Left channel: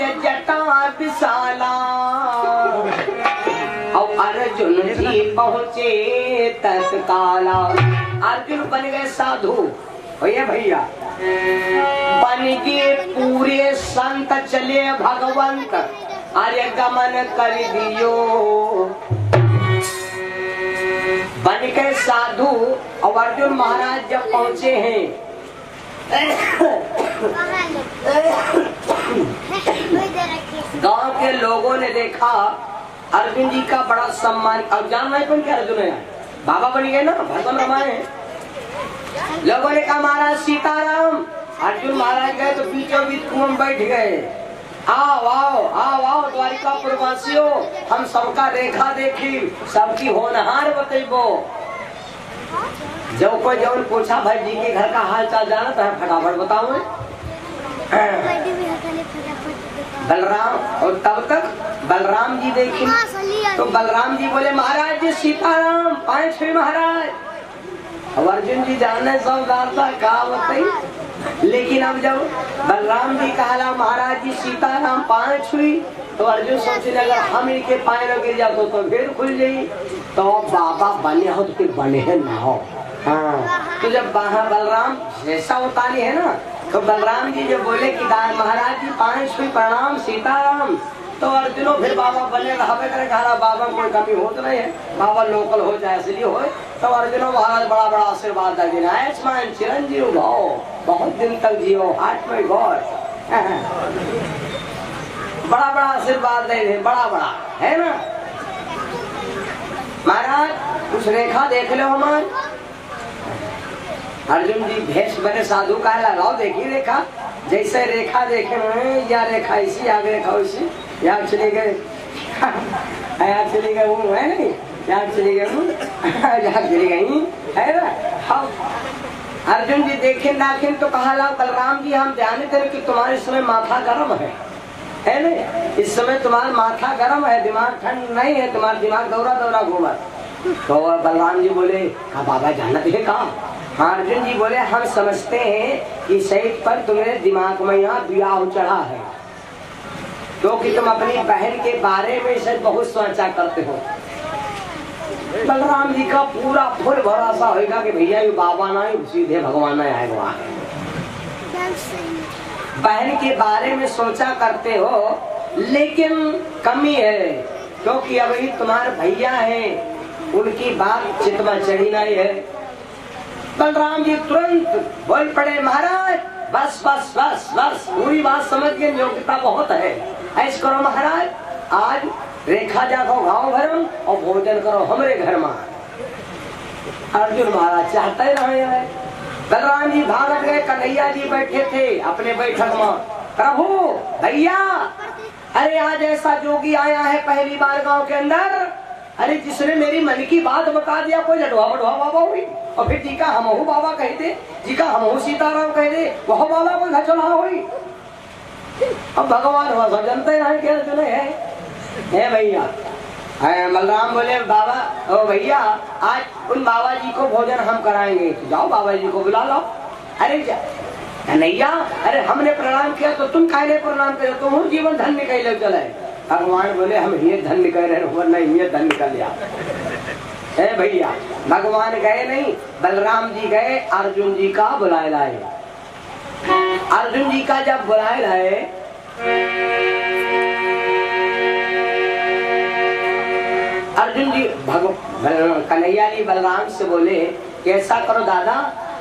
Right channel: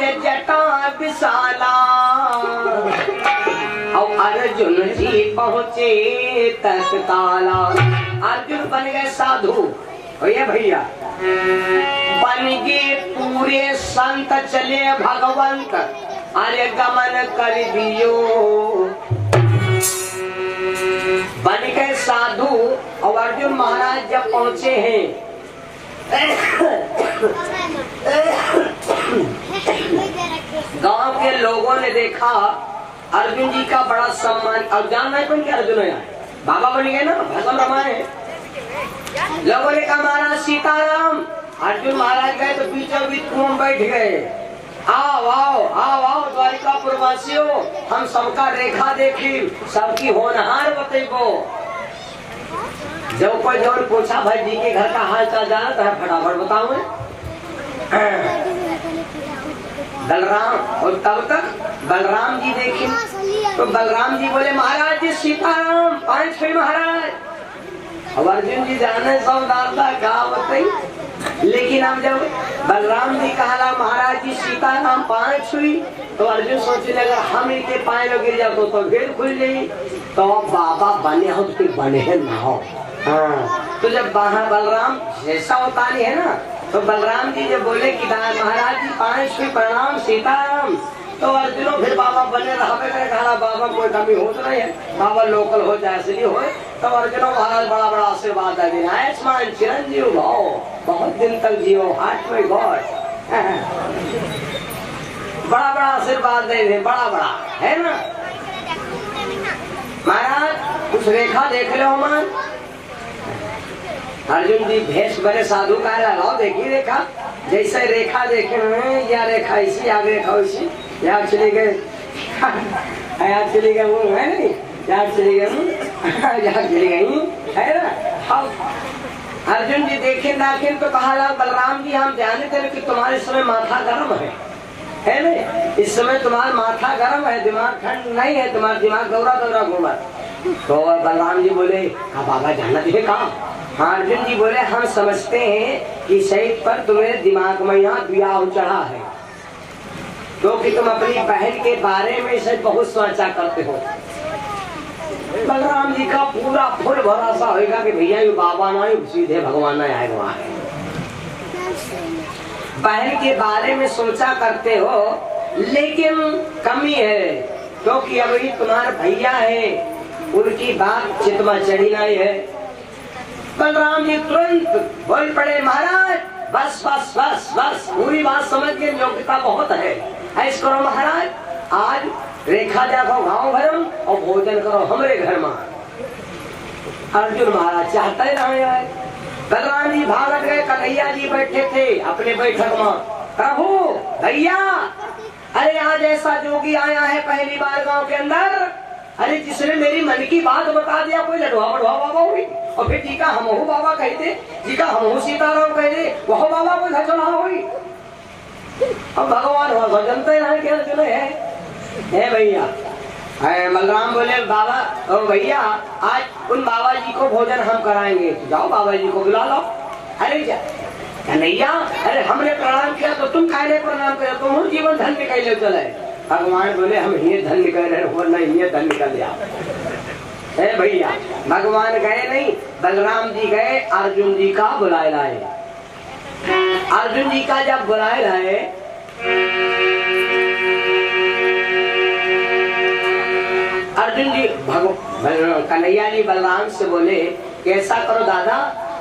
अरे जटा विशाला और अर्जुन जी पहुँचे तत्काला। अर्जुन बन गए साधु भैया बन गए पूरे संत चले भगवंत अरे गमन कर दियो। बन गए साधु और अर्जुन महाराज जब पहुंचे हैं गांव के लोगों ने देखा अर्जुन जी का बड़ा सम्मान। और जान नहीं कौन क्या अर्जुन है बाबा बन गए ना भगवान रमाए। लोगों ने कहा महाराज सीताराम। अर्जुन महाराज गए तो बीचों बीच कुएं बैठ गए। आओ आओ आओ आओ द्वारिकापुर वासियों हम सबका रेखा देखी सबकी होनहार बतेबो। जब कोई जब पूछा भाई जी के घर का हाल चाल जाना तो फटाफट बताओ। बलराम और तब तक बलराम जी देखे तो बलराम जी बोले महाराज जी सीताराम 5 छुई महाराज। अब अर्जुन जी जाने सब दाता कहा बताई। लेकिन अब जब बलराम जी कहा महाराज जी सीताराम 5 छुई तो अर्जुन सोचने अगर हम इनके पाए में गिर जाते तो फिर खुल जाई। तो बाबा बने हो तो फिर बने ना हो। हाँ तो जब बलराम जैसा होता नहीं है ना तो बलराम जी जब बोले कि महाराज जी 5 छुई प्रणाम सीताराम तो अर्जुनो फिर बाबा बने रहा। बाबा कोई कमी हो तो नहीं है बाबा लोकल हो चाहे असली हो। तो अर्जुनो महाराज बड़ा बड़ा आशीर्वाद लगे आयुष्मान चिरंजीव भाव बहुत दिन तक जियो हार्ट में गौर। बड़ा बड़ा आशीर्वाद दे बड़ा बड़ा है ना। महाराज कुछ रेखा देख लो हमार। अर्जुन जी भेष बने साधु का लगाओ देखिए रेखा जैसे रेखा देखे या रेखा इसी आग रेखा इसी याद चले गए याद चली गए वो है नहीं याद चली गई याद चली गई है ना। अर्जुन जी देखे नाखिन तो कहा बलराम जी हम ध्यान करें कि तुम्हारे समय माथा गर्म है नहीं। इस समय तुम्हारा माथा गर्म है दिमाग ठंड नहीं है तुम्हारा दिमाग दौरा दौरा घूमा। तो बलराम जी बोले हाँ बाबा जाना तुझे कहा। हाँ अर्जुन जी बोले हम समझते हैं कि सही पर तुम्हारे दिमाग में यहाँ विवाह चढ़ा है तो कि तुम अपनी बहन के बारे में से बहुत सोचा करते हो। बलराम जी का पूरा फुल भरोसा होगा कि भैया ये बाबा ना सीधे भगवान आएगा। बहन के बारे में सोचा करते हो लेकिन कमी है क्योंकि अब ये तुम्हारे भैया है उनकी बात चित्त में चढ़ी नहीं है। बलराम जी तुरंत बोल पड़े महाराज बस बस बस बस पूरी बात समझ के योग्यता बहुत है। ऐसा करो महाराज आज रेखा देखो गाँव भरम और भोजन करो हमरे घर में। अर्जुन महाराज चाहते रहे। बलराम जी भाग गए। कन्हैया जी बैठे थे अपने बैठक में। प्रभु भैया अरे आज ऐसा जोगी आया है पहली बार गांव के अंदर। अरे जिसने मेरी मन की बात बता दिया कोई लडवा बड़वा बाबा हुई और फिर जी का हमहू बाबा कहते जी का हमहू सीताराम कहते वह बाबा को घचना हुई। अब भगवान हो जनते रहे क्या चले है भैया। बलराम बोले बाबा ओ भैया आज उन बाबा जी को भोजन हम कराएंगे जाओ बाबा जी को बुला लो। अरे कन्हैया अरे हमने प्रणाम किया तो तुम काहे प्रणाम किया तुम जीवन धन निकल चले। भगवान बोले हम ये धन निकल रहे नहीं ये धन निकल गया है भैया। भगवान गए नहीं बलराम जी गए अर्जुन जी का बुलाए लाए। अर्जुन जी का जब बुलाए लाए अर्जुन जी कन्हैया जी बलराम से बोले कैसा करो दादा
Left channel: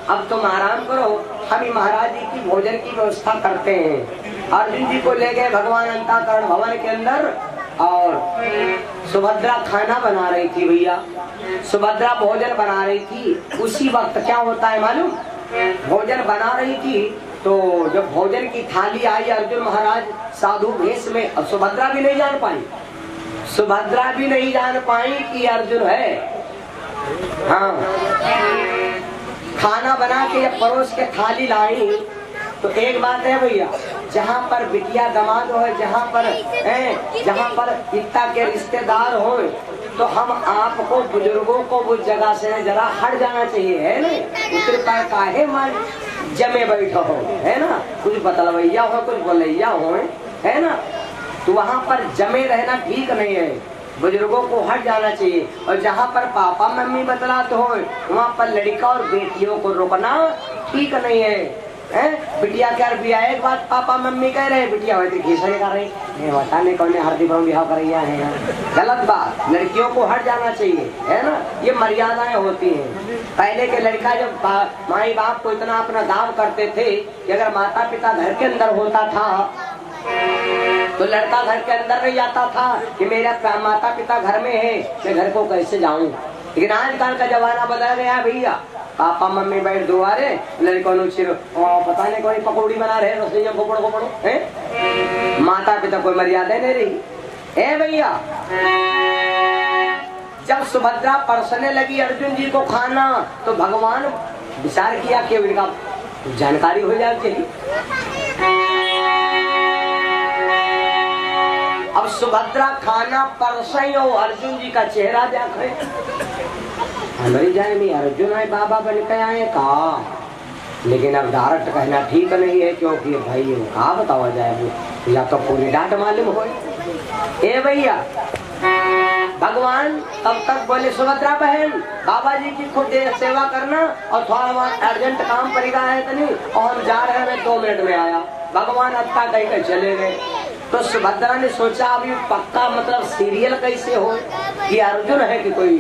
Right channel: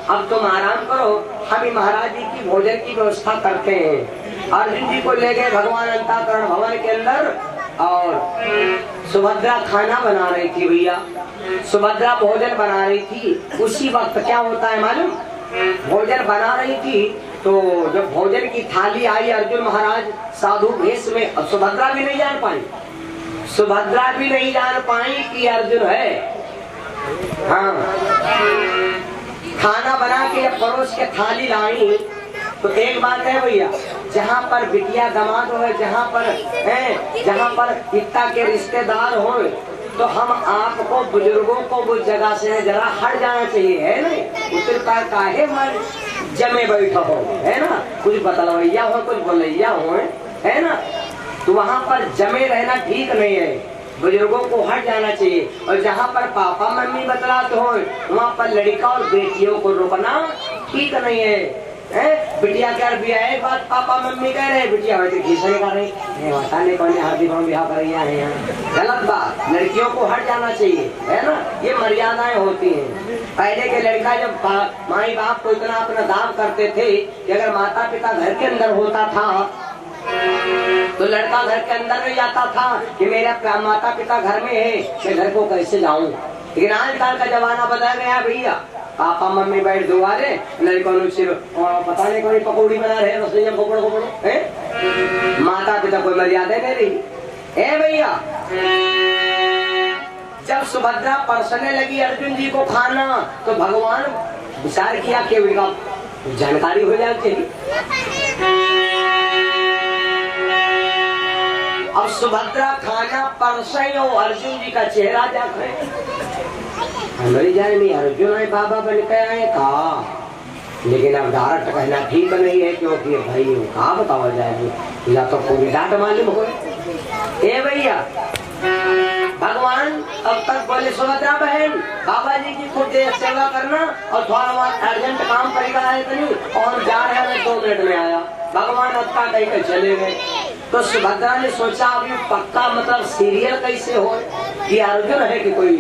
अब तुम आराम करो हम महाराज जी की भोजन की व्यवस्था करते हैं। अर्जुन जी को ले गए भगवान अंताकरण भवन के अंदर और सुभद्रा खाना बना रही थी भैया। सुभद्रा भोजन बना रही थी। उसी वक्त क्या होता है मालूम भोजन बना रही थी तो जब भोजन की थाली आई अर्जुन महाराज साधु भेष में और सुभद्रा भी नहीं जान पाई। सुभद्रा भी नहीं जान पाई कि अर्जुन है। हाँ खाना बना के परोस के थाली लाई तो एक बात है भैया जहाँ पर बिटिया दामाद हो जहाँ पर पिता के रिश्तेदार हो तो हम आपको बुजुर्गों को उस जगह से जरा हट जाना चाहिए है ना। उसके पास काहे मन जमे बैठो हो है ना कुछ बतलवैया हो कुछ बोलैया हो है ना। तो वहाँ पर जमे रहना ठीक नहीं है, बुजुर्गों को हट जाना चाहिए। और जहाँ पर पापा मम्मी बतलाते हो वहाँ पर लड़का और बेटियों को रोकना ठीक नहीं है। बिटिया क्या बिया एक बात पापा मम्मी कह रहे, बिटिया वैसे खींचने कर रही नहीं कौन हार्दिक बिहार कर रही है, गलत बात। लड़कियों को हट जाना चाहिए, है ना, ये मर्यादाएं होती हैं। पहले के लड़का जब माई बाप को इतना अपना दाव करते थे कि अगर माता पिता घर के अंदर होता था तो लड़का घर के अंदर नहीं जाता था कि मेरा माता पिता घर में है, मैं घर को कैसे जाऊं। लेकिन आजकल का जमाना बदल गया भैया, पापा मम्मी बैठ दुआरे लड़कों पता नहीं कोई पकौड़ी बना रहे रसोई पकड़ो है, माता पिता कोई मर्यादा नहीं रही है भैया। जब सुभद्रा परसने लगी अर्जुन जी को खाना तो भगवान विचार किया कि उनका जानकारी हो जाती। अब सुभद्रा खाना परसई और अर्जुन जी का चेहरा जाकर हमारी जान में अर्जुन है बाबा बन के आए कहा, लेकिन अब डायरेक्ट कहना ठीक नहीं है क्योंकि भाई कहा बतावा जाए, या तो पूरी डांट मालूम हो। ए भैया भगवान तब तक बोले सुभद्रा बहन बाबा जी की खुद सेवा करना और थोड़ा बहुत अर्जेंट काम पड़ेगा है तो नहीं, और जा रहे हैं 2 मिनट में आया। भगवान अब तक कहीं चले गए तो सुभद्रा ने सोचा अभी पक्का मतलब सीरियल कैसे हो कि अर्जुन है कि कोई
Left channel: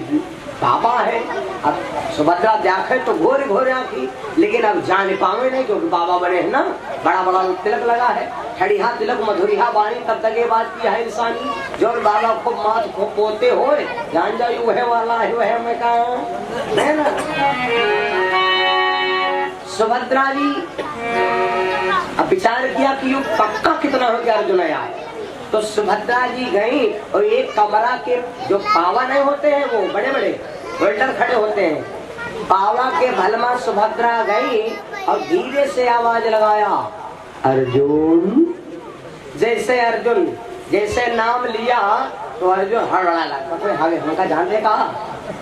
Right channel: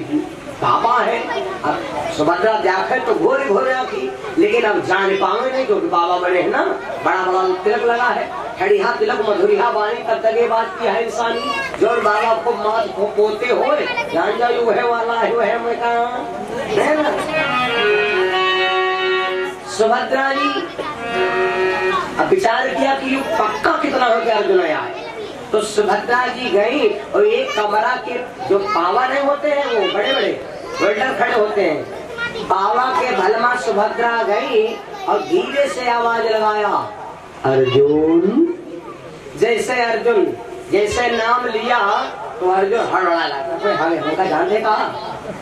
बाबा है। अब सुभद्रा देखे तो घोरे घोरे आखी, लेकिन अब जान पावे नहीं क्योंकि बाबा बड़े है ना, बड़ा बड़ा तिलक लगा है, खड़िया तिलक मधुरिया बाणी तब तक ये बात की है इंसानी, जो बाबा को मात को पोते हो जान जाओ वह वाला है वह मैं कहा है ना। सुभद्रा जी अब विचार किया कि ये पक्का कितना हो गया अर्जुन आए, तो सुभद्रा जी गई और एक कमरा के जो पावा नहीं होते हैं वो बड़े बड़े वेल्डर खड़े होते हैं, पावा के भलमा सुभद्रा गई और धीरे से आवाज लगाया अर्जुन। जैसे नाम लिया तो अर्जुन हड़बड़ा लगा, हमका जानने का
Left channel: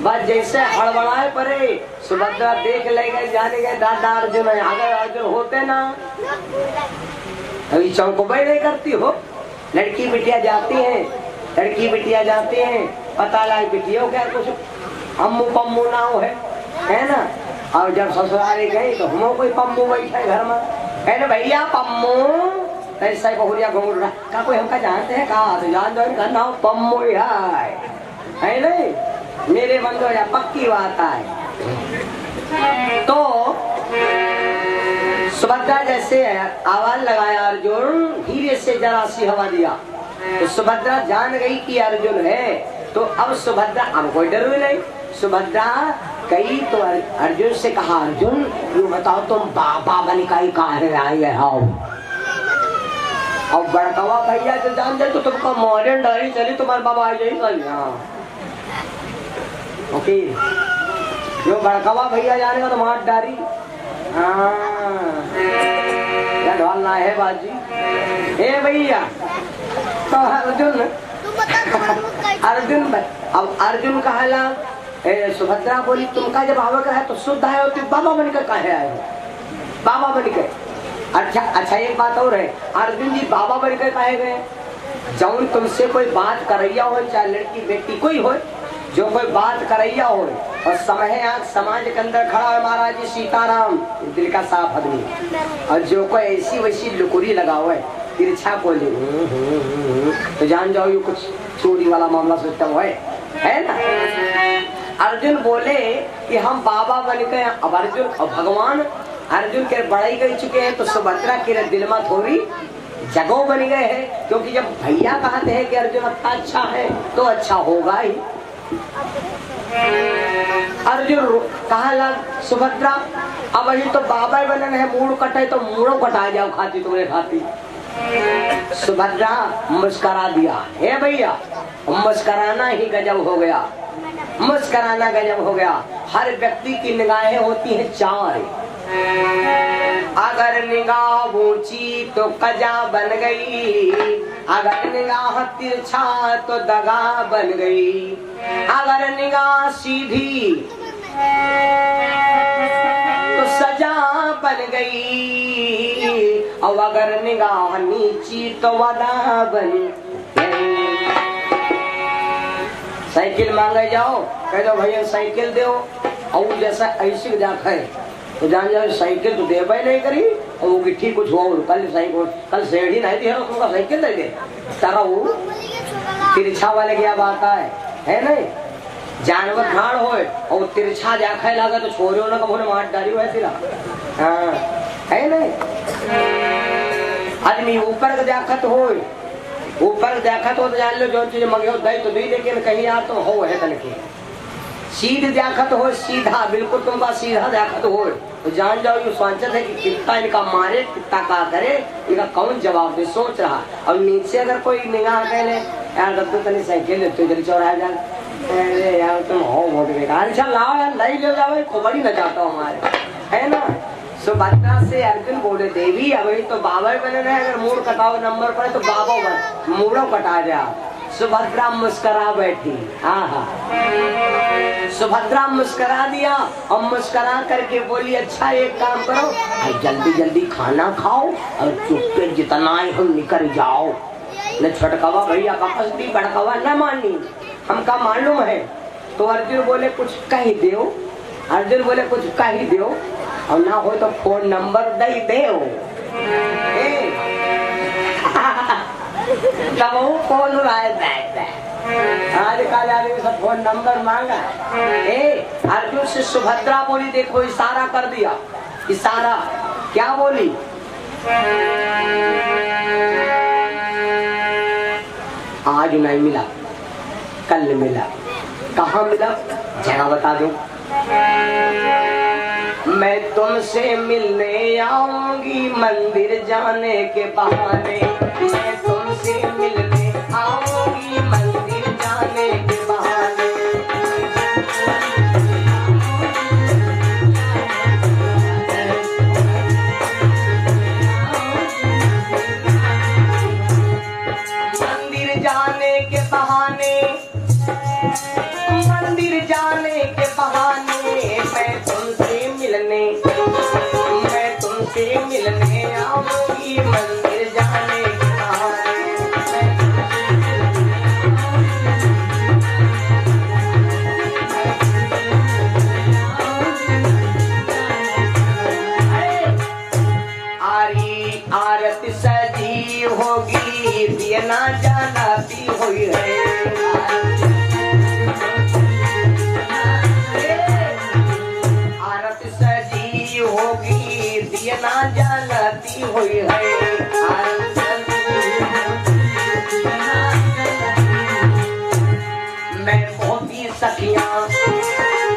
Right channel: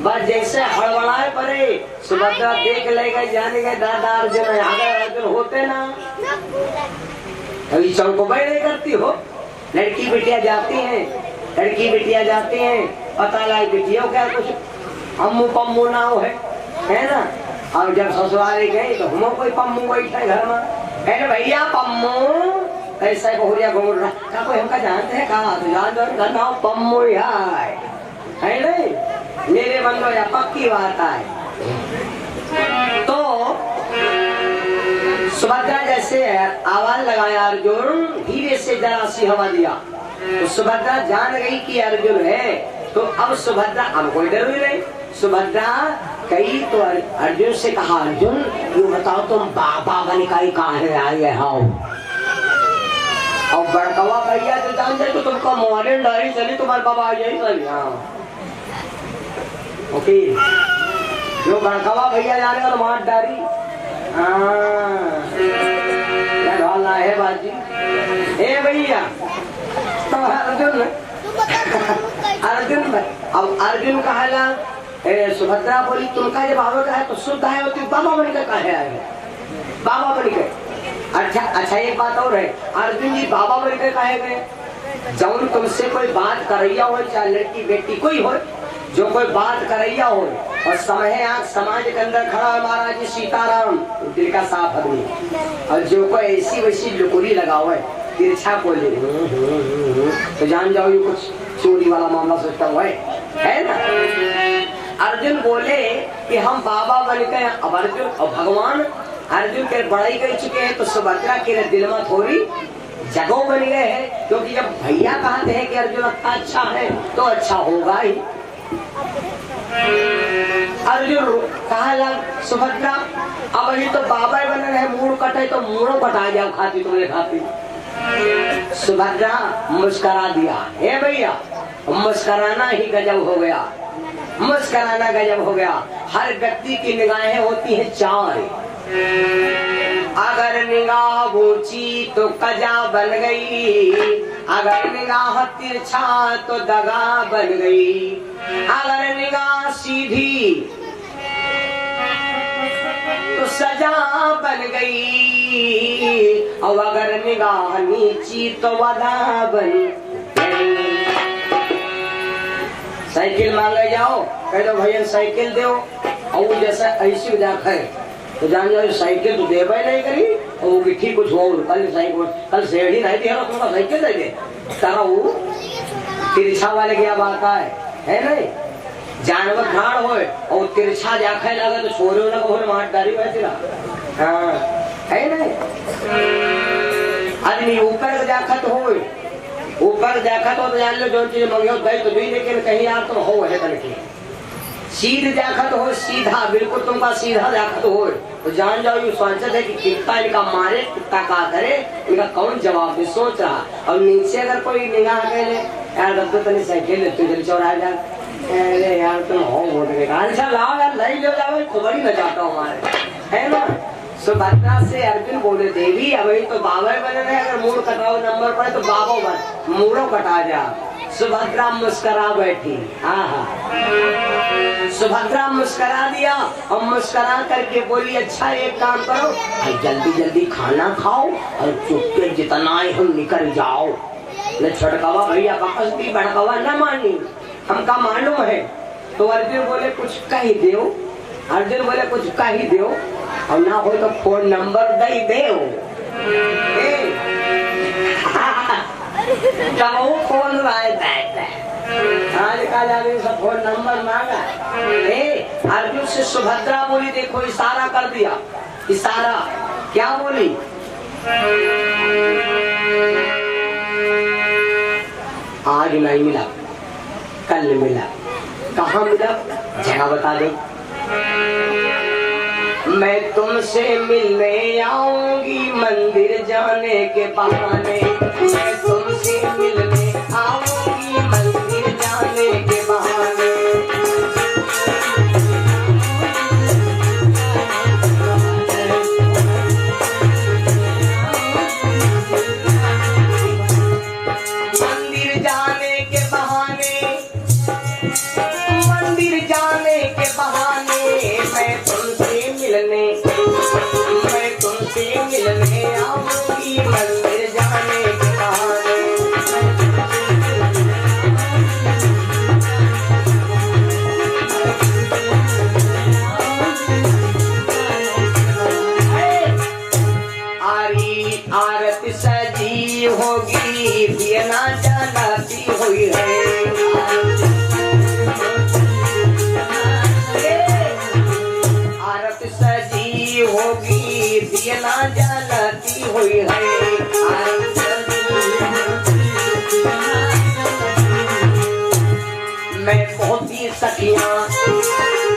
बस जैसे हड़बड़ाए पड़े सुभद्रा देख ले गए जाने गए दादा अर्जुन अर्जुन होते ना। अभी चौको बैठे करती हो, लड़की बिटिया जाती हैं पता लगा बिटियों क्या कुछ अम्मू पम्मू ना हो है ना। और जब ससुराले गए तो हम कोई पम्मू बैठे घर में, कहे भैया पम्मू ऐसा बहुरिया घूम रहा कोई हमका जानते हैं कहा तो जान दो पम्मू है नहीं मेरे बंदो या पक्की बात है। तो सुभद्रा जैसे आवाज लगाया अर्जुन, धीरे से जरा सी हवा दिया तो सुभद्रा जान गई कि अर्जुन है। तो अब सुभद्रा अब कोई डर भी नहीं, सुभद्रा कही तो अर्जुन से कहा अर्जुन ये बताओ तुम बाबा बन का कहा आए हो। और बड़कवा भैया तो जान जाए तो तुमको मॉडर्न डायरी चली तुम्हारे बाबा आ जाए ओके, जो बड़कवा भैया जाने तो मॉडर्न डायरी ढोलना है बाजी। ए भैया तो अर्जुन कहला सुभद्रा बोली तुमका जब आवे का है तो शुद्ध है और बाबा बन के कहे आए बाबा बन के। अच्छा एक बात और है, अर्जुन जी बाबा बन के कहे गए, जब तुमसे कोई बात करैया हो चाहे लड़की बेटी कोई हो, जो कोई बात करैया हो और समय आंख समाज के अंदर खड़ा है महाराज जी सीताराम दिल का साफ आदमी, और जो कोई ऐसी वैसी लुकुरी लगा हुआ है तिरछा बोले तो जान जाओ ये कुछ चोरी वाला मामला सोचता हुआ है ना। अर्जुन बोले कि हम बाबा बन गए। अब अर्जुन और भगवान अर्जुन के बड़ाई कर चुके हैं तो सुभद्रा के दिल में थोड़ी जगह बन गए हैं, क्योंकि जब भैया कहते हैं कि अर्जुन इतना अच्छा है तो अच्छा होगा ही। अर्जुन कहा लग सुभद्रा अब अभी तो बाबा बनने है, मूड कटे तो मूड़ों कटा जाओ खाती तुम्हें खाती। सुभद्रा मुस्करा दिया, हे भैया मुस्कराना ही गजब हो गया, मुस्कराना गजब हो गया। हर व्यक्ति की निगाहें होती हैं 4, अगर निगाह ऊंची तो कजा बन गई, अगर निगाह तिरछा तो दगा बन गई, अगर निगाह सीधी तो सजा बन गई, और अगर निगाह नीची तो वदा बन साइकिल मांगे जाओ, कह दो भैया साइकिल दो, और जैसा ऐसी जाकर तो जान जाओ साइकिल तो दे पाए नहीं करी, और वो गिट्ठी कुछ हो कल साइकिल कल सेड़ी नहीं थी तुमका साइकिल दे दे तारा वो तिरछा वाले क्या बात है नहीं जानवर खाड़ हो और तिरछा जाखे लगा तो छोरे ना कभी मार डाली वैसी रहा। हाँ है नहीं आदमी ऊपर जाखत हो, ऊपर जाखत हो तो जान लो जो चीज मंगे दे तो नहीं, लेकिन कहीं यार तो हो है तन की सीध जाखत हो, सीधा बिल्कुल तुमका सीधा जाखत हो तो जान जाओ ये सोचते है कि कितना इनका मारे कितना का करे, इनका कौन जवाब दे सोच रहा। और नीचे अगर कोई निगाह करे यार तब तो तनी साइकिल ले तुझे चौराहा जा, अरे यार तुम हो बहुत बेकार, अच्छा लाओ यार नहीं ले जाओ खुबड़ी न जाता हूँ हमारे है ना। सुभद्रा से अर्जुन बोले देवी अभी तो बाबा बने रहे, अगर मूड कटाओ नंबर पड़े तो बाबा बन मूडो कटा जा। सुभद्रा मुस्करा बैठी, हाँ सुभद्रा मुस्करा दिया और मुस्करा करके बोली अच्छा एक काम करो जल्दी जल्दी खाना खाओ और चुपके जितना हम निकल जाओ, न छटकावा भैया वापस भी भड़कावा न मानी हमका मालूम है। तो अर्जुन बोले कुछ कही दो, अर्जुन बोले कुछ कही दो और ना हो तो फोन नंबर दे दो। जब वो फोन आज कल आदमी सब फोन नंबर मांगा। अर्जुन से सुभद्रा बोली देखो इशारा कर दिया, इशारा क्या बोली आज नहीं मिला कल मिला, कहाँ मिला जगह बता दो। मैं तुमसे मिलने आऊंगी मंदिर जाने के बहाने, मैं तुमसे मिलने आऊंगी मंदिर जाने के बहाने। मंदिर जाने के बहाने, मंदिर जाने के बहाने मैं तुमसे मिलने आऊंगी मंदिर जाने के बहाने। आरी आरती सजी होगी दिया जलाती हुई है, आरती सजी होगी दिया जलाती हुई है। मैं बहुत ही सखियां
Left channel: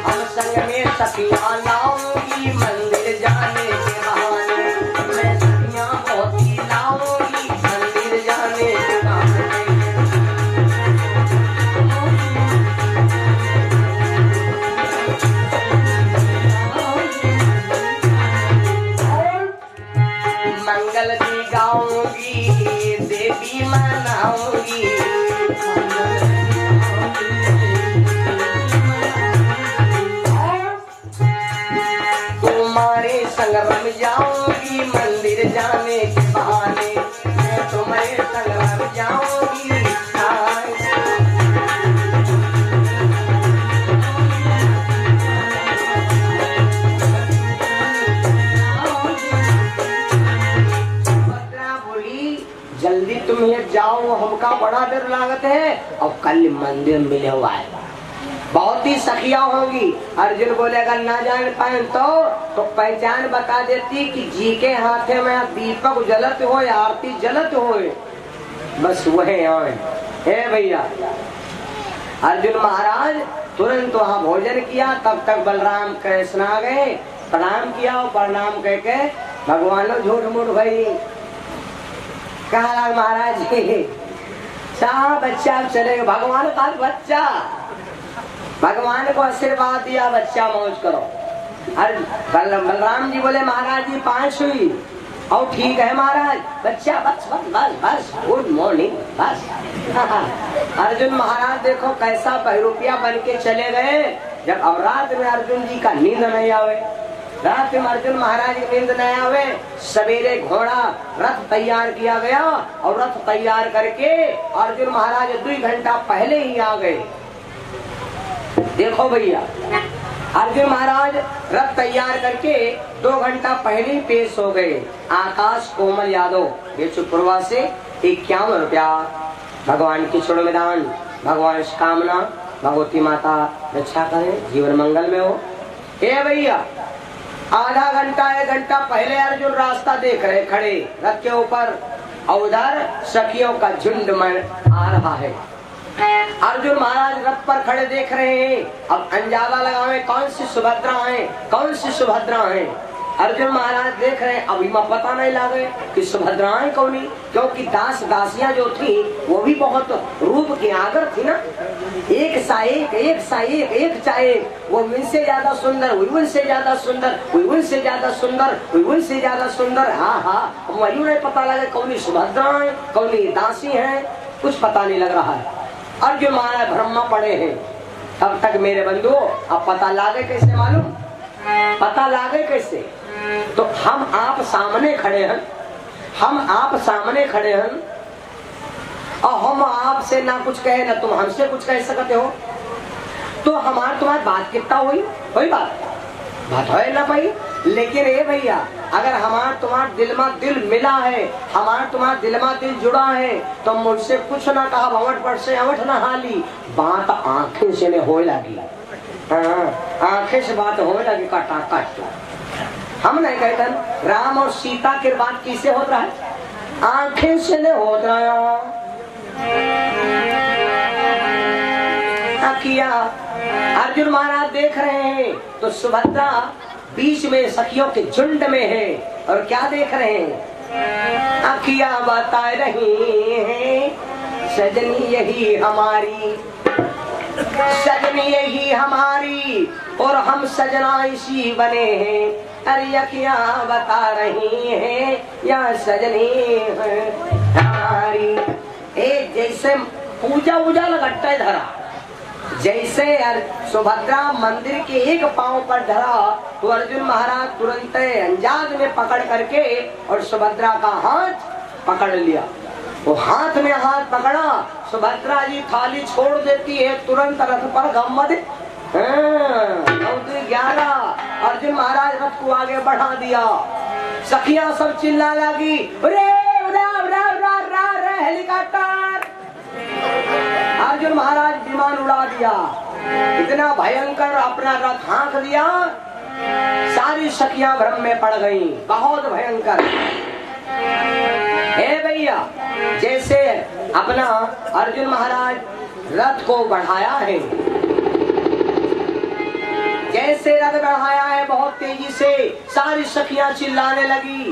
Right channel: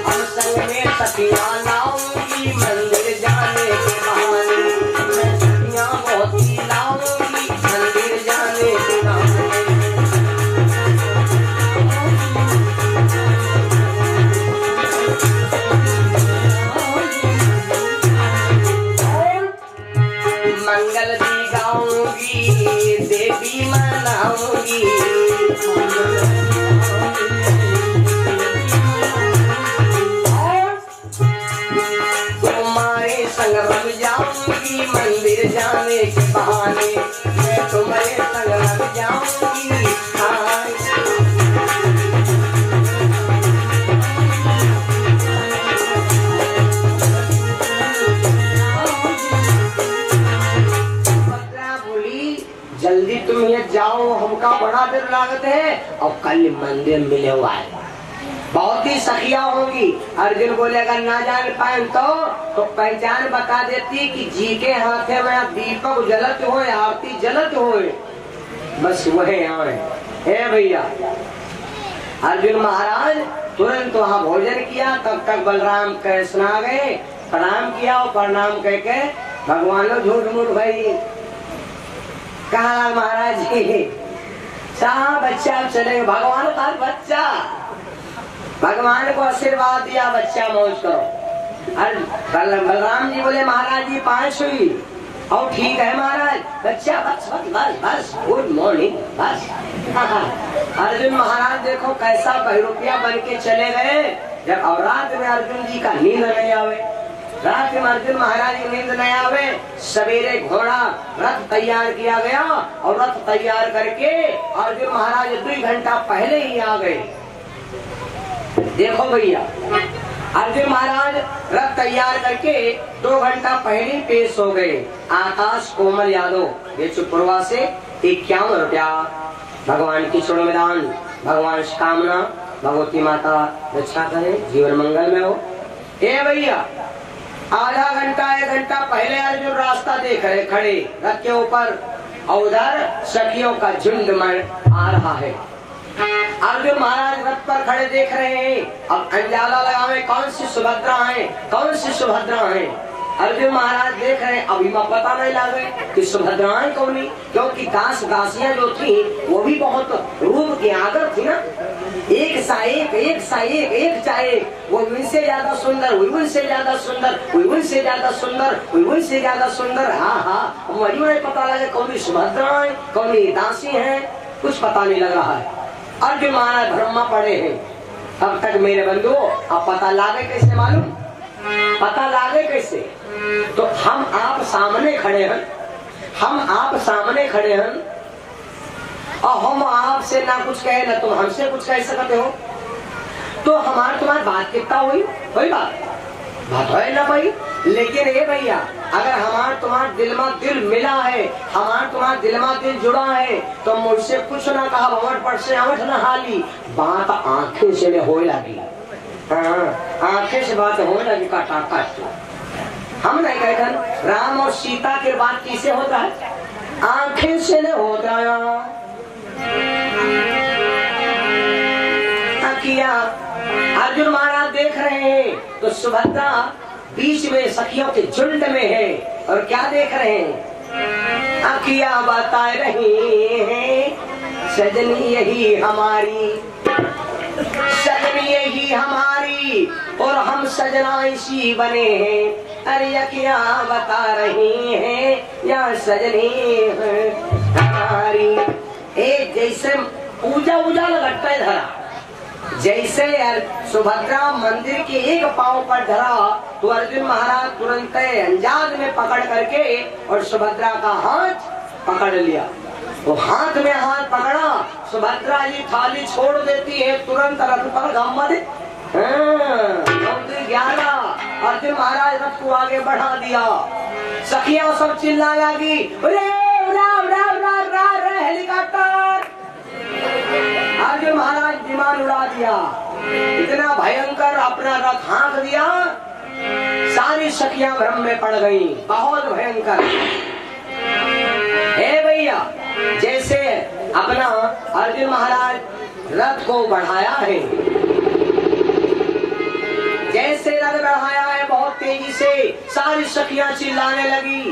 हम संग में सखियां लाऊंगी मंदिर जाने के बहाने, मैं सखियां बहुत ही लाऊंगी मंदिर जाने के बहाने। मंगल दी गाऊंगी देवी मनाऊंगी, तुम्हारे संग बन जाऊंगी मंदिर जाने के बहाने, मैं तुम्हारे संग बन जाऊंगी। जल्दी तुम ये जाओ हमका बड़ा देर लागत है और कल मंदिर मिले हुआ है, बहुत ही सखिया होगी। अर्जुन बोले अगर ना जान पाए तो पहचान बता देती कि जी के हाथे में दीपक जलत हो आरती जलत हो, बस वही आए। हे भैया अर्जुन महाराज तुरंत वहाँ भोजन किया, तब तक बलराम कृष्ण आ गए, प्रणाम किया और प्रणाम कह के भगवान झूठ मूठ भाई कहा महाराज जी बच्चा चले भगवान का बच्चा, भगवान को आशीर्वाद दिया बच्चा मौज करो। बलराम जी बोले महाराज जी 5 हुई और ठीक है महाराज बच्चा बस बस बस बस गुड मॉर्निंग बस। अर्जुन महाराज देखो कैसा बहरूपिया बन के चले गए। जब अब रात में अर्जुन जी का नींद नहीं आवे, रात में अर्जुन महाराज की नींद नहीं आवे, सवेरे घोड़ा रथ तैयार किया गया और रथ तैयार करके अर्जुन महाराज 2 घंटा पहले ही आ गए। देखो भैया, अर्जुन महाराज रथ तैयार करके 2 घंटा पहले ही पेश हो गए। आकाश कोमल यादव बेचुपुरवा से 51 रुपया। भगवान की छोड़ो मैदान, भगवान कामना भगवती माता रक्षा करें, जीवन मंगल में हो। ए भैया, आधा घंटा 1 घंटा पहले अर्जुन रास्ता देख रहे खड़े रथ के ऊपर, और उधर सखियों का झुंड आ रहा है। अर्जुन महाराज रथ पर खड़े देख रहे हैं। अब अंजाला लगावे कौन सी सुभद्रा है, कौन सी सुभद्रा है। अर्जुन महाराज देख रहे हैं, अभी पता नहीं लगे कि सुभद्राएं कौनी, क्योंकि दास दासियां जो थी वो भी बहुत रूप की आदर थी ना। एक सा एक, एक सा एक, एक चाहे वो उनसे ज्यादा सुंदर, उनसे ज्यादा सुंदर, उनसे ज्यादा सुंदर, उनसे ज्यादा सुंदर। हाँ हाँ, वही नहीं पता लगे कौन सुभद्राएं कौन दासी है, कुछ पता नहीं लग रहा है। अर्जुन महाराज ब्रह्मा पड़े हैं। तब तक मेरे बंधु अब पता लागे कैसे, मालूम पता लागे कैसे? तो हम आप सामने खड़े हैं, हम आप सामने खड़े हैं, और हम आपसे ना कुछ कहे ना तुम हमसे कुछ कह सकते हो, तो हमारी तुम्हारी बात कितना हुई? कोई बात है ना भाई। लेकिन ये भैया, अगर हमार तुम्हार दिल में दिल मिला है, हमार तुम्हार दिल में दिल जुड़ा है, तो मुझसे कुछ ना कहा भवन पर से अवठ न हाली, बात आंखें से हो लगी। आंखें से बात हो लगी, काटा काट। हम नहीं कहते राम और सीता के बात किसे होता है? आंखें से नहीं होता किया। अर्जुन महाराज देख रहे हैं तो सुभद्रा बीच में सखियों के झुंड में है, और क्या देख रहे हैं? अखियां बता रही हैं सजनी यही हमारी, सजनी यही हमारी, और हम सजना इसी बने हैं। अरे अखियां बता रही हैं या सजनी हमारी। एक जैसे पूजा उजा लगता है धरा, जैसे सुभद्रा मंदिर के एक पांव पर धरा तो अर्जुन महाराज तुरंत अंजाद में पकड़ करके और सुभद्रा का हाथ पकड़ लिया। वो हाथ में हाथ पकड़ा, सुभद्रा जी थाली छोड़ देती है, तुरंत रथ पर गम्मद 11 अर्जुन महाराज रथ को आगे बढ़ा दिया। सखियां सब चिल्ला लगी, हेलीकॉप्टर। अर्जुन महाराज विमान उड़ा दिया, इतना भयंकर अपना रथ हाँक दिया, सारी सखियां भ्रम में पड़ गई, बहुत भयंकर। हे भैया, जैसे अपना अर्जुन महाराज रथ को बढ़ाया है, जैसे रथ बढ़ाया है बहुत तेजी से, सारी सखियां चिल्लाने लगी।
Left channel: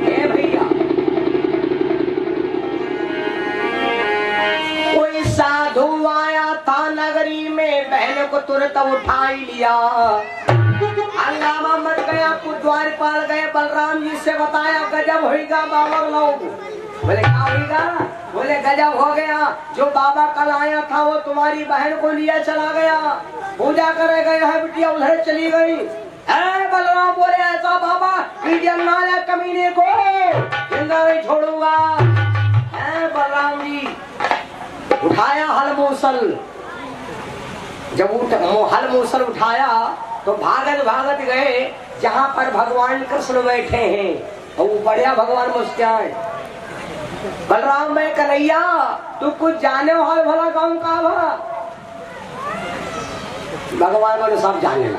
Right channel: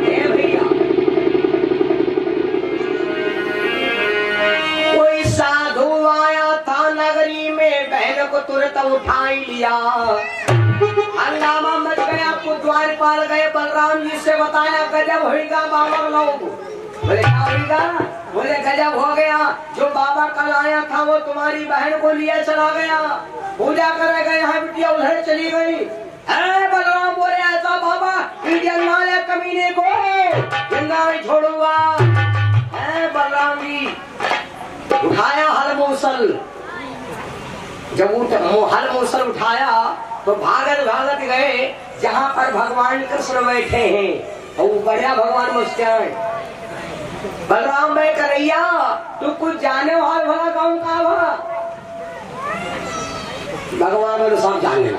हे भैया, कोई साधु आया था नगरी में, बहन को तुरंत उठा ही लिया। हंगामा मच गया, द्वारपाल गए, बलराम जी से बताया गजब होगा बाबा लोग। बोले क्या होगा? बोले गजब हो गया, जो बाबा कल आया था वो तुम्हारी बहन को लिया चला गया, पूजा करे गए हैं, बिटिया उधर चली गई। बलराम बोले ऐसा बाबा नाले कमीने को जिंदा नहीं छोड़ूंगा। बलराम जी उठाया हल मूसल, जब हल मूसल उठाया तो भागत भागत गए जहाँ पर भगवान कृष्ण बैठे हैं, और बढ़िया भगवान मुस्कान। बलराम में कन्हैया तू कुछ जाने हो भला गाँव का भला? भगवान बोले सब जाने ला।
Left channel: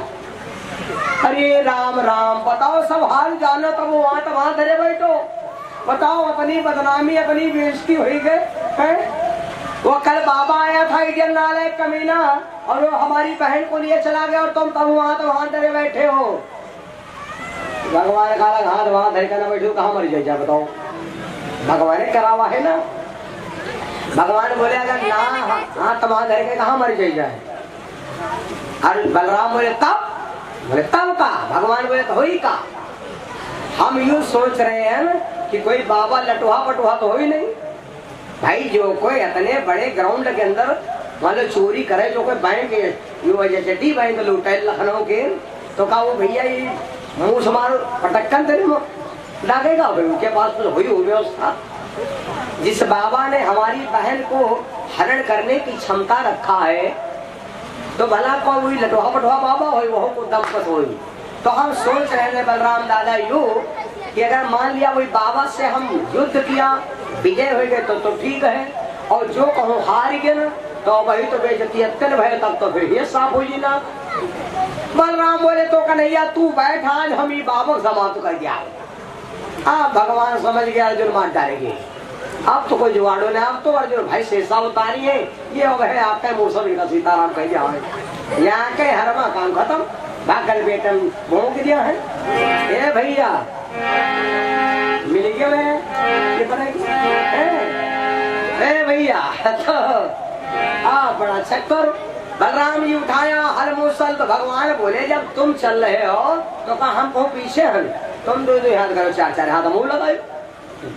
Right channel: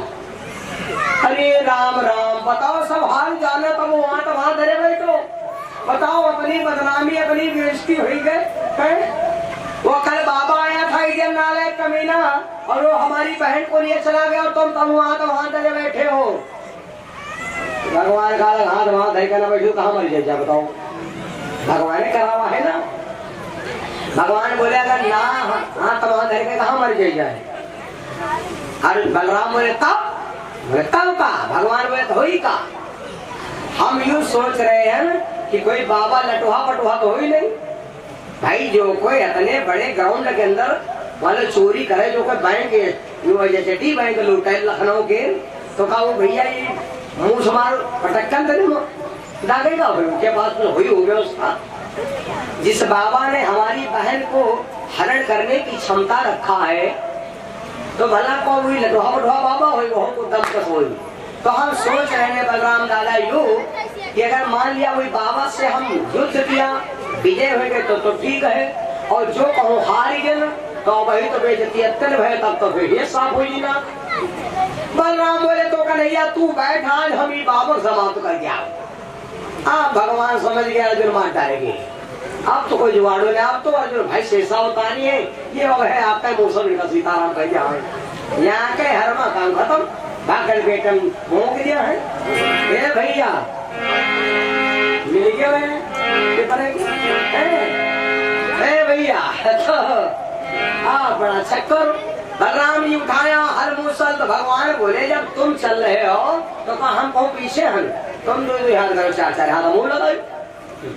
अरे राम राम, बताओ सब हाल जाने, तब वहाँ तो वहाँ धरे बैठो, बताओ अपनी बदनामी अपनी बेइज्जती हुई गए। वो कल बाबा आया था इधर नाले कमीना, और वो हमारी बहन को लिए चला गया, और तुम तब वहाँ तो वहाँ धरे बैठे हो। भगवान का हाथ वहाँ धरे कर बैठे, कहाँ मर जाए बताओ? भगवान ने करा हुआ है ना। भगवान बोले अगर ना हाथ वहाँ धरे के कहाँ मर जाए? अरे बलराम बोले तब का? भगवान बोले तो ही का। हम यूँ सोच रहे हैं कि कोई बाबा लटुहा पटुहा तो हो ही नहीं भाई। जो कोई इतने बड़े ग्राउंड के अंदर मान लो चोरी करे, जो कोई बैंक जैसे टी बैंक लूटे लखनऊ के, तो कहा वो भैया ये मुँह समार पटक्कन लगेगा भाई, उनके पास तो हुई व्यवस्था। जिस बाबा ने हमारी बहन को हरण करने की क्षमता रखा है, तो भला को हुई लटवा बटवा बाबा हो वो को दमकत हुई। तो हम सोच रहे हैं बलराम दादा यू कि अगर मान लिया वही बाबा से हम युद्ध किया विजय हो गए तो ठीक है, और जो कहूँ हार गए तो वही तो बेइज्जती अत्यंत भय, तब तो फिर ये साफ हो ना। बलराम बोले तो कन्हैया तू बैठ, आज हम ही बाबा समाप्त कर दिया। आप भगवान समझ गया अर्जुन मार डालेंगे, अब तो कोई जुगाड़ो नहीं, अब तो अर्जुन भाई शेषा उतारी है, ये हो है आपका मूसर का सीताराम कह दिया है, यहाँ के हरमा काम खत्म, भागल बेटन भोंक दिया है। ये भैया मिल गया भैया तो बड़ा चक्कर। बलराम जी उठाया हर मूसल, तो भगवान बोले जब तुम चल रहे हो तो कहा हम कहूँ पीछे हम, तुम दो याद करो, चार चार हाथ मुंह लगाओ,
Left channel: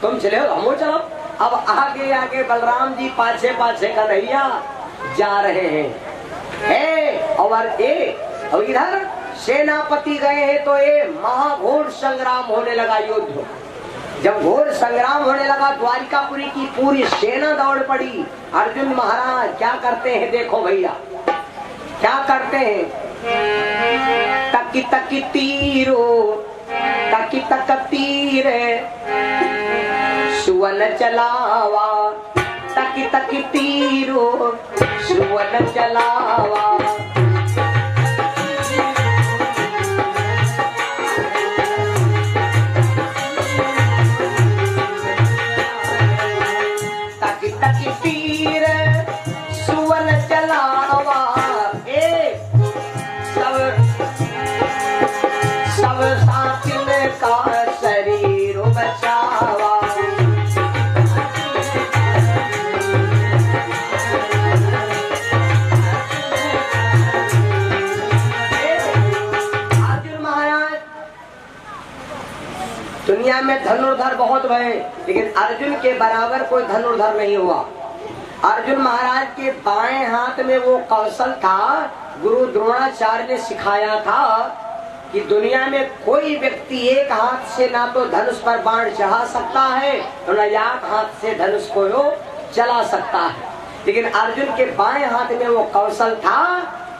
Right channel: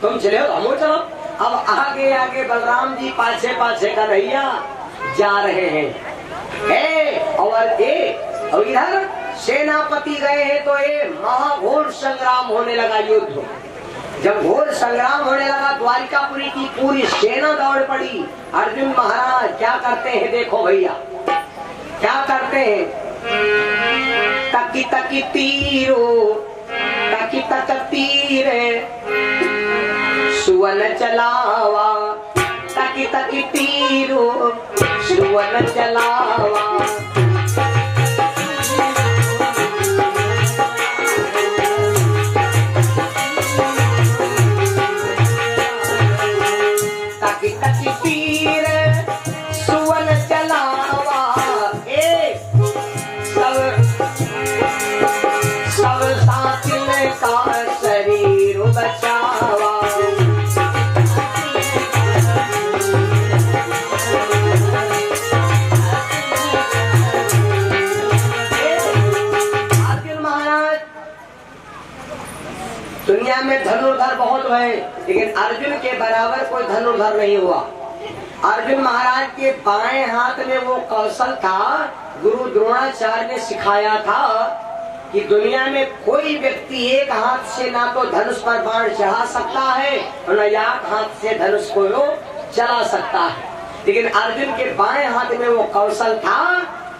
तुम चले हो हम चलो। अब आगे आगे बलराम जी पाछे पाछे कन्हैया जा रहे हैं। और इधर सेनापति गए हैं, तो ये महाघोर संग्राम होने लगा। युद्ध जब घोर संग्राम होने लगा, द्वारिकापुरी की पूरी सेना दौड़ पड़ी। अर्जुन महाराज क्या करते हैं देखो भैया, क्या करते हैं। तकी तकी तीरो, तकी तक तीरे सुवन चलावा, तकी तकी तीरो सुवन चलावा। दुनिया में धनुर्धर बहुत हुए, लेकिन अर्जुन के बराबर कोई धनुर्धर नहीं हुआ। अर्जुन महाराज के बाएं हाथ में वो कौशल था, गुरु द्रोणाचार्य ने सिखाया था कि दुनिया में कोई व्यक्ति एक हाथ से ना तो धनुष पर बाण चढ़ा सकता है और न एक हाथ से धनुष को चला सकता है। लेकिन अर्जुन के बाएं हाथ में वो कौशल था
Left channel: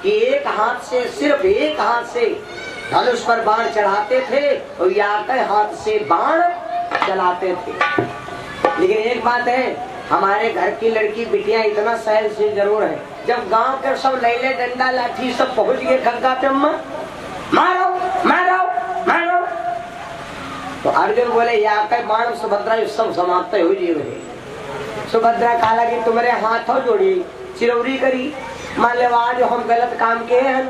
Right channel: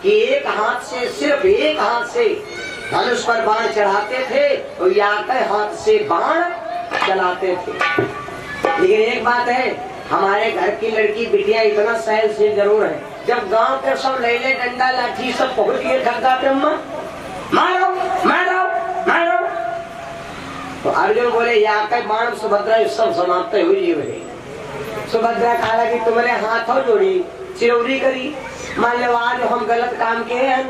कि एक हाथ से, सिर्फ एक हाथ से धनुष पर बाण चढ़ाते थे और याके हाथ से बाण चलाते थे। लेकिन एक बात है, हमारे घर की लड़की बिटिया इतना सहनशील जरूर है। जब गांव के सब लैले डंडा लाठी सब पहुंच गए खग्गा पे, मारो मारो मारो, तो अर्जुन बोले याके बाण सुभद्रा सब समाप्त हुई। सुभद्रा कहा कि तुम्हारे हाथों जोड़ी चिरौरी करी, मान लो आज हम गलत काम किए हैं,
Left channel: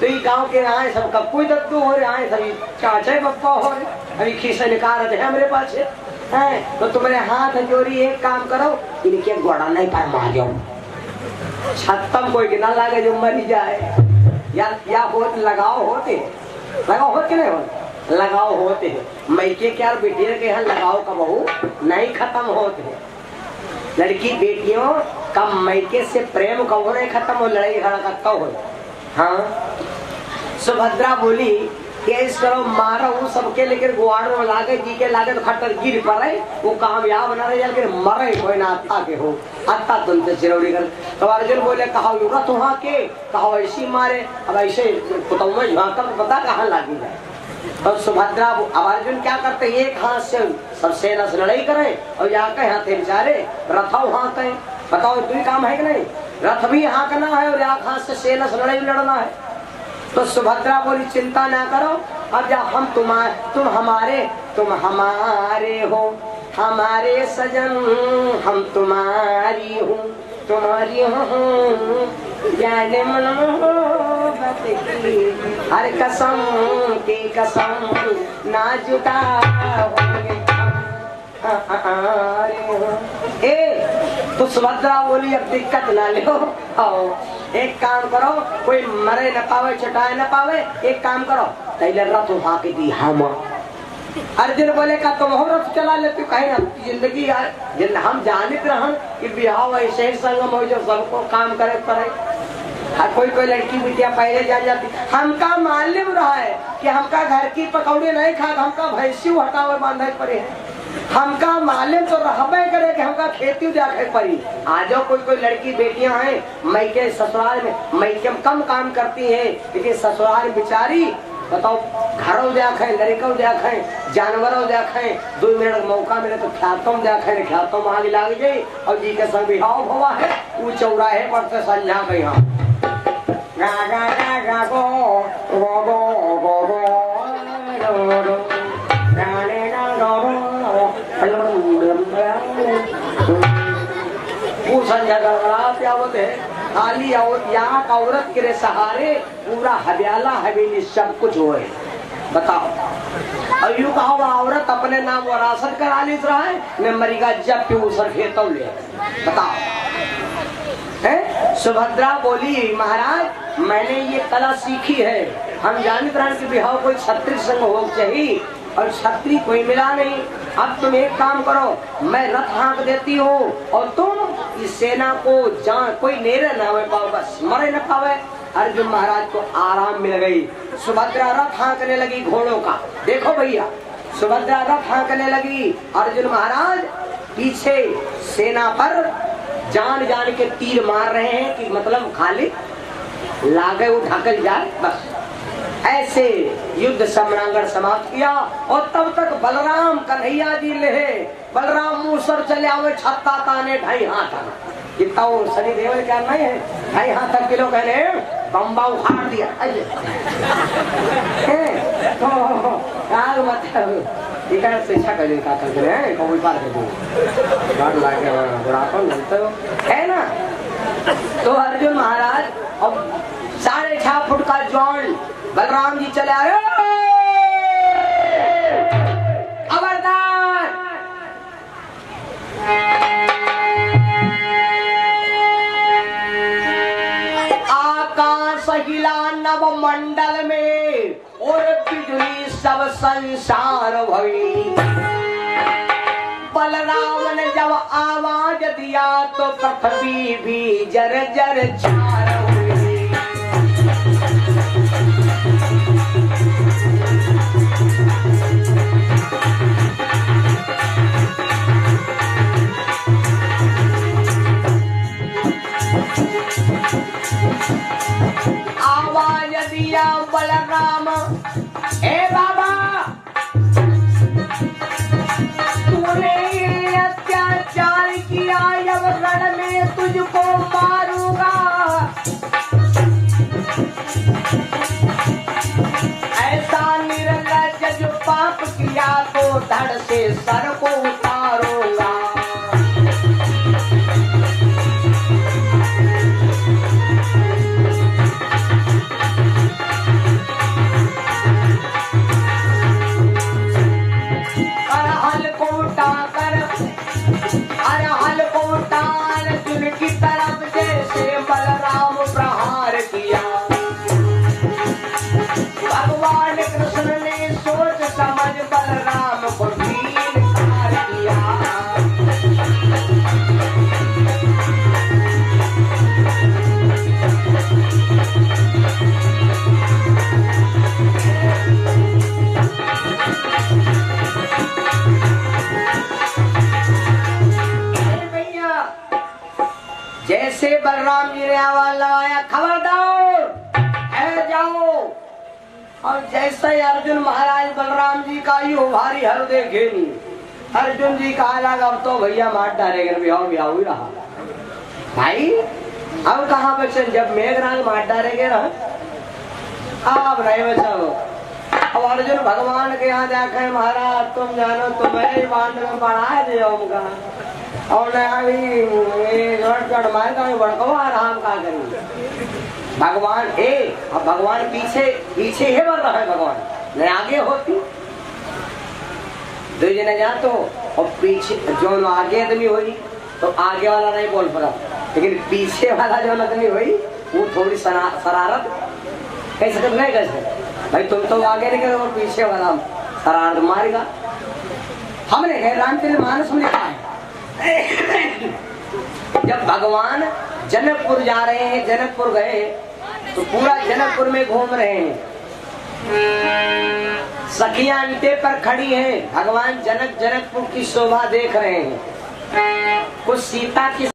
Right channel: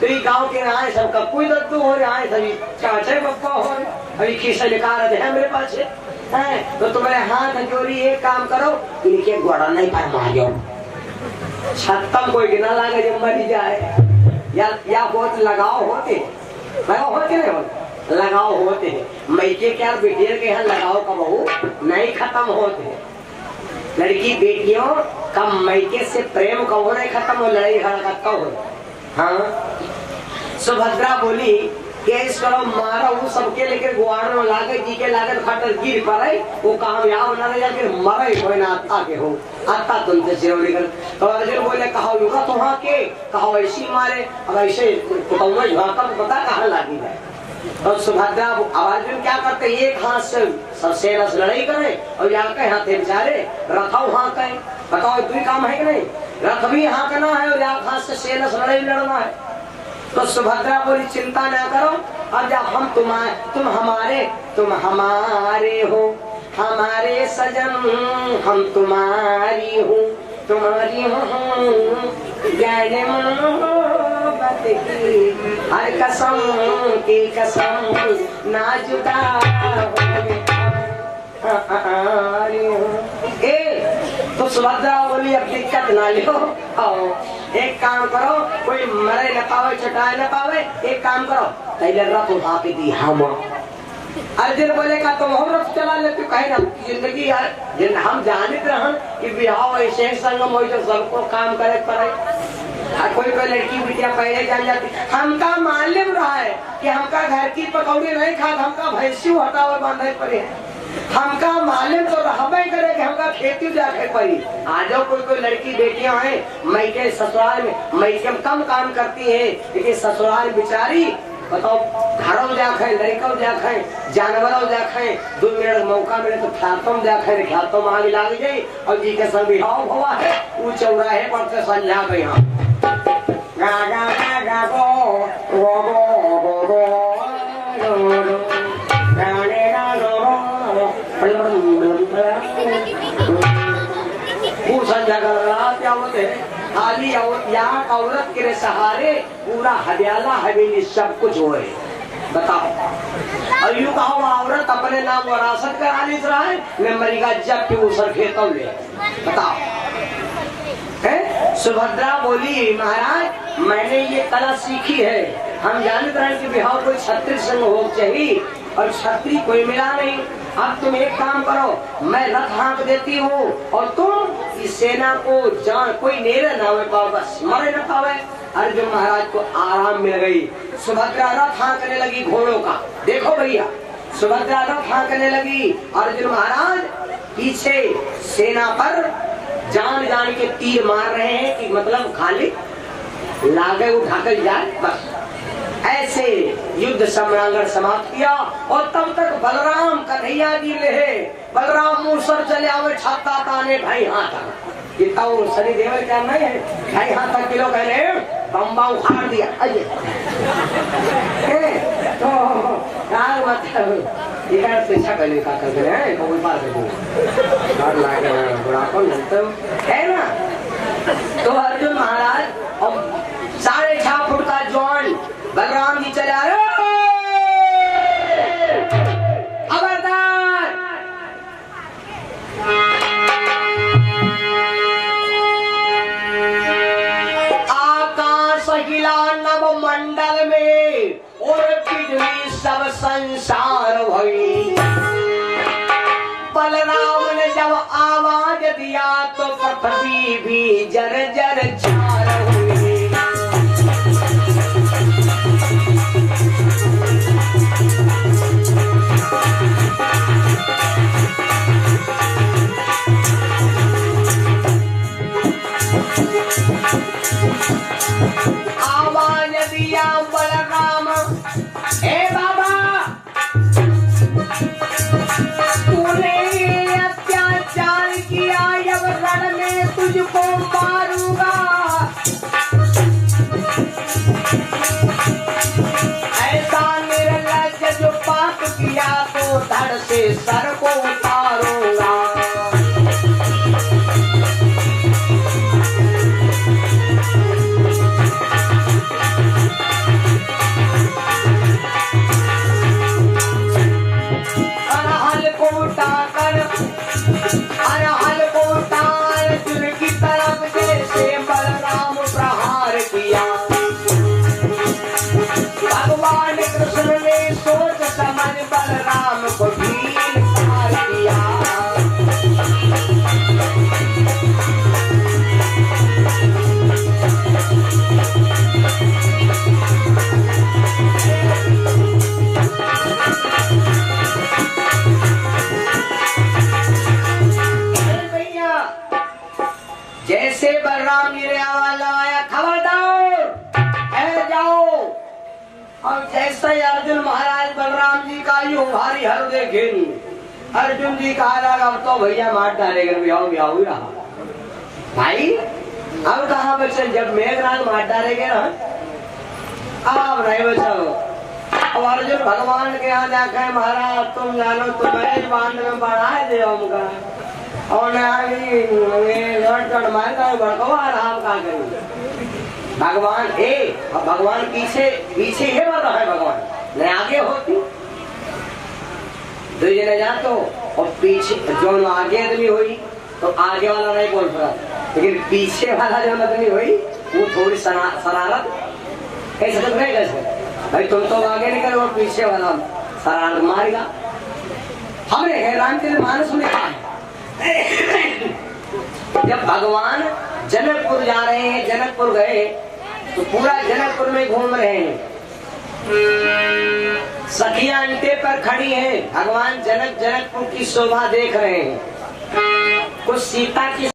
तो ये गांव के आए सब कपूई दत्तू हो रहे हैं, सभी चाचे बप्पा हो रहे, अभी खीसे निकाल रहे हैं मेरे पास है। तो तुम्हारे हाथ जोड़ी एक काम करो, इनके घोड़ा नहीं पाए मार जाओ, छत्तम कोई गिना लागे जो मरी जाए, या बहुत लगाओ होते, लगाओ होते नहीं होते, लगाओ होते हैं। मैके क्या बेटियों के यहाँ लगाओ का बहू नहीं खत्म होते, लड़की बेटियों का मैके से प्रेम कब नहीं खत्म हो, लड़ाई झगड़ा कब हो। हाँ, सुभद्रा बोली कि इस तरह मारो सबके, लेकिन गुआड़ में लागे जी के लागे तो खटर गिर पड़े, वो कामयाब बना रहे जाके मरे कोई ना आता के हो, आता तुमसे चिरौरी कर। तो अर्जुन बोले कहा युगा तुहा के, कहा ऐसी मारे, अब ऐसे पता कहाँ लागी है। और सुभद्रा अर्जुन क्या करते, एक हाथ से सबसे रस लड़ाई करे और जाके हाथ बेचारे रथाओ हाथ है, बताओ तू काम है कि नहीं, रथ भी हाँकना है और एक हाथ से सेना से लड़ाई लड़ना है। तो सुभद्रा बोली चिंता ना करो, अब जब हम तुम हमारे हो, हमारे सजन हम तुम्हारी हूँ, तुम्हारी हूँ ज्ञान मोहब्बत की हर कसम की कसम ना जुदा होंगे। तो सुभद्रा बोली अब दिक्कत ना लो, आओ एक काम करो, कोई मरे न पावे छटाए न पावे, एक काम करो तैले रथ उठा के दी हम। अर्जुन बोले का तुम हो रथ चला लेते, कहे ना जिंदगी जिन हम जानते रहन कि बिहाव ऐसे संगम हो जो सबको काम करे करे। हर कोई लड़की बिटिया पहले जान जाती, हमका मालूम रहा है कि हमका घर की पकौड़े नहीं खा, हमका भैंसी हटावे बांधे पड़े, हमका मालूम तो रहबे करे कि हमका खेती जाके पड़ी। आज कोई लड़की बेटियां हैं मैके ससुराल में मैके में कम काम करती हैं, लेकिन ससुराल बेचारी बताओ घरों जाखे लड़कों जाखे जानवरों जाखे 2 मिनट मौका मिले तो ख्यातों जाखे ख्यातों मांग लाग जाये और जी के संग बिहाव हुआ है वो चौराहे पर से संझा गई हम वो संझा कर आवत है खाली यहाँ का औरत के सहारे पूरा हरियाला हवेली सब कुछ हो बताओ। और यू कहो औरत अपने नाम वरासत करा ली रहा है मैं मरीगा जब भी उसर खेतों ले बताओ है। सुभद्रा बोली महाराज मैंने ये कला सीखी है, हम जानते हैं कि बिहाव कोई क्षत्रिय संग हो चाहिए और क्षत्रिय कोई मिला नहीं। अब तुम एक काम करो मैं रथ हाँक देती हूँ और तुम इस सेना को जान कोई नेरे ना पाओ बस मरे न पावे। अर्जुन महाराज को आराम मिल गई। सुभद्रा रथ हाँकने लगी घोड़ों का। देखो भैया सुभद्रा रथ हाँकने लगी, अर्जुन महाराज पीछे सेना पर जान जान के तीर मार रहे हैं कि मतलब खाली लागे उठा कर जाए बस। ऐसे युद्ध सम्रांगण समाप्त किया और तब तक बलराम कन्हैया जी ले बलराम मूसर चले आवे छत्ता ताने ढाई हाथ इतना शनि देवल क्या नहीं है 2.5 हाथ तक किलो कहने बम्बा उखाड़ दिया अजय तो मतलब पीछा करने का करते हैं कौन पार कर गाड़ लाके बुढ़ापन बनते है ना। तो अर्जुन महाराज अब 6.5 फुट का जॉन बलराम जी चले आए खबरदार आकाश हिला नव मंडल में और बिजली सब संसार भई। बलराम ने जब आवाज दिया तो पृथ्वी भी जर जर चार हुई। आवाज दिया बलराम ए बाबा तूने अत्याचार किया अब रण में तुझको मारूंगा। ऐसा निर्लज्ज जो पाप किया तो धड़ से सर को उतारूंगा। अर्जुन की तरफ जैसे बलराम प्रहार किया। भगवान कृष्ण ने सोच समझ बलराम को ढील मार दिया। जैसे बलराम जी ने आवाज लगाया खबरदार जाओ और जैसे अर्जुन महाराज बलराम जी का यू भारी हर देखे अर्जुन जी कहा लगा अब तो भैया मार डालेगा बिहाव ही रहा भाई। अब कहा बच्चे जब मेघराज मार डालेगे ना अब रहे बच्चों। अब अर्जुन भगवान के यहाँ जाके महाराज तुम जानो तुम्हें बांध में बढ़ा दे और आराम का करेंगे भगवान है और भगवान पीछे पीछे है बढ़ रहा है भगवान न आगे होती दो जने जा तो और पीछे जो आगे आदमी हुई तो आगे वाला नहीं बोल पड़ा लेकिन पीछे वाला जो आदमी हुई वो थोड़ी शरारत कैसे कर रहे कैसे भाई तुम तो आगे नहीं करो पीछे वाला शरारत मारेगा। हमने है रामचंद्र मानस में कहा है जब भगवान जनकपुर जा रहे हैं जनकपुर गए तो पूरा जनकपुर में घूम रहे हैं सखियां अंटे पर खड़ी है, भगवान जनक जनकपुर की शोभा देख रहे हैं। कुछ सीता की